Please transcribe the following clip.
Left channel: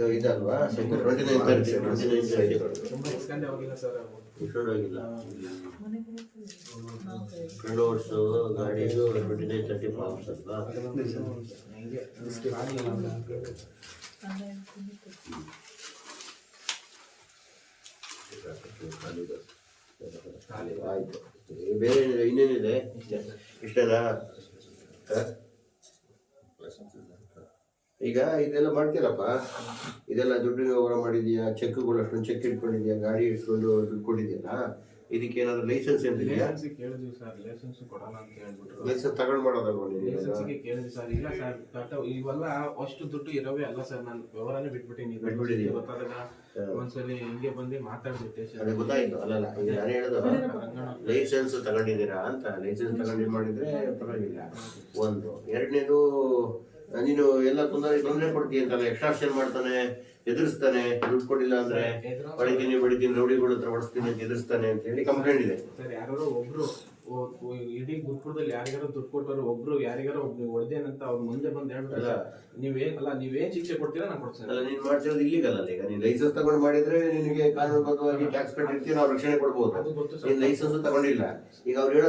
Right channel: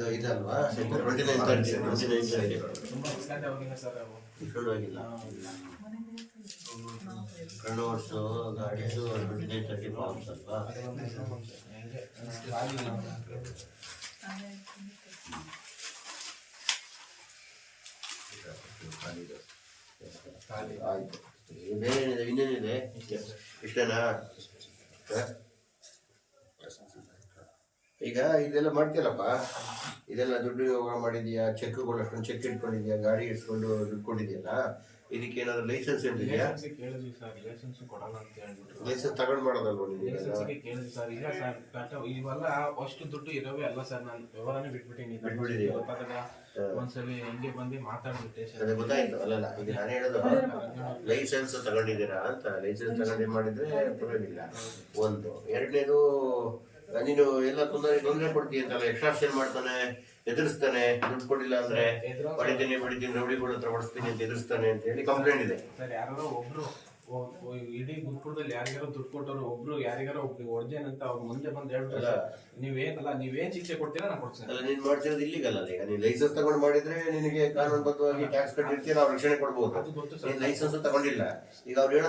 ಇದು ಇದಲ್ವಾ? Twenty nine thirty twenty nine thirty ತುಂಬಾ extend ಆಗಿಲ್ಲ ಸರ್ ಗಾಡಿದು ಟ್ವೆಂಟಿ ನೈನ್ ತರ್ಟಿ ಫಾರ್ಮ್ಸ್ ಅಲ್ವಾ ಆಯಿತು. ಬೇರೆ ಇನ್ನೇನಿದೆ? ಇಷ್ಟೇನಾ? ಈಗ ಇದೆಲ್ಲ ಮಾಡ್ತೀರಪ್ಪ ಇದೆಲ್ಲ ದುಡ್ಡು ವ್ಯವಹಾರ ಮಾಡಿದ್ಯಾ? ಚೆಕ್ಗಳು ಅಷ್ಟೊಂದು ಚೆಕ್ ಇಟ್ಕೊಂಡಿದ್ಯಾ? ಗಾಡಿ ಇಟ್ಕೊಂಡು ದುಡ್ಡು ಕೊಟ್ಟಿದ್ಯಲ್ಲ? ಇದಕ್ಕೆ ಏನಾದ್ರು ಲೈಸೆನ್ಸ್ ಏನಿದೆಯಾ? ಲೈಸೆನ್ಸ್ ಕೇಳಿದ್ವಿ ಸರ್ ಲೈಸೆನ್ಸ್ ಕೊಡಲ್ಲ ಅಂತ ಹೇಳ್ಬಿಟ್ರು. ಲೈಸೆನ್ಸ್ ತಗೊಂಡು ಮಾಡೋದಲ್ವ ಲೈಸೆನ್ಸ್ಗೆ ಕೇಳಿದ್ವಿ ಸರ್ ಇಲ್ಲ ಸರ್ ಕಟ್ಟ ಇವೆಲ್ಲ ಅಷ್ಟು ದುಡ್ಡು ಇರೋವೇ ಅಲ್ಲ ಸರ್ ನಾನು ವ್ಯವಹಾರನೇ ಬಿಟ್ಬಿಟ್ಟಿನಿ ಬಿಟ್ಬಿಟ್ಟಿದೀಯ? ಗೊತ್ತಾದಾಗ ಒಂದ್ಸಲಿ ಹಿಂಗೆ ಬಂದು ಮಾತಾಡ್ಬಿಟ್ಟೆ ಸರ್ ಅದೇ ಗೊತ್ತಾಯ್ತು. ಅಲ್ಲಲ್ಲ ಈಗ ನಾನು ಹೇಳೋದು ಲೈಸೆನ್ಸ್ ತಗೊಂಡಿದ್ದೀರಾ ಅಂತ? ಲೈಸೆನ್ಸ್ ತಗೊಂಡು ಮಾಡಿದ್ರೆ ಪರವಾಗಿಲ್ಲ. ಒಂದು. ಎರಡನೇದು ನೀನು ಎಲ್ಲ ತೊಂದರೆ ತೊಂದರೆ ಕೊಡ್ತೀನಿ ಅಂತಲ್ಲ ಎಕ್ಸ್ಟ್ರಾಕ್ಷನ್ ಮಾಡ್ತಾನೆ ಎದುರಿಸ್ತಾನೆ ದುಡ್ಡು ಕೊಡಿಲ್ಲ ಅಂದ್ರೆ ಹೊಡಿತೀನಿ ಬಡಿತೀನಿ ರೌಡಿಗಳ ಹತ್ರ ಹೊಡಿಸ್ತೀನಿ ಅಂತ ಎದುರಿಸ್ತಾನೆ ಅಂತ ಹೇಳಿ ಕಂಪ್ಲೇಂಟ್ ಇದೆ. ಸರ್ ಯಾರೋ ಒಬ್ರು ಇಡೀ ಗುರುಕುಲದಲ್ಲಿ ಯಾರಿಗಾರೋ ದುಡ್ಡು ಕೊಟ್ಟರು ಒಬ್ರು ಯಾರಿಗಾರೋ ಒಬ್ರು ಹೊಡೆದೇನಂತ ಅವ್ರು ಮುಂದೆ ಬಂದು ಹೇಳ್ಬಿಟ್ರೆ ನೀವೇನಲ್ಲ ನೀವೇನ್ ಶಿಕ್ಷೆ ಕೊಡ್ತೀರಾ ನಾನು ಕೊಡ್ತೀನಿ. ಅಲ್ಲ ನೀನ್ ಮಾಡ್ತಿರೋದು ಇಲ್ಲಿಗಲ್ಲ ಈಗ. ನೀನ್ ಲೈಸೆನ್ಸ್ ತಗೊಂಡ್ ಮಾಡಿದ್ರೆ ನಿನಗೆ ಕಾನೂನುಬದ್ಧವಾಗಿ ಟ್ಯಾಕ್ಸ್ ಕಟ್ಟಿರ್ತೀಯ ನಾವು ರಕ್ಷಣೆ ಕೊಡ್ಬೋದು. ನೀನ್ ಲೈಸೆನ್ಸ್ ತಗೊಂಡಿಲ್ಲ. ಈಗ ಅವ್ರು ಹೇಳೋ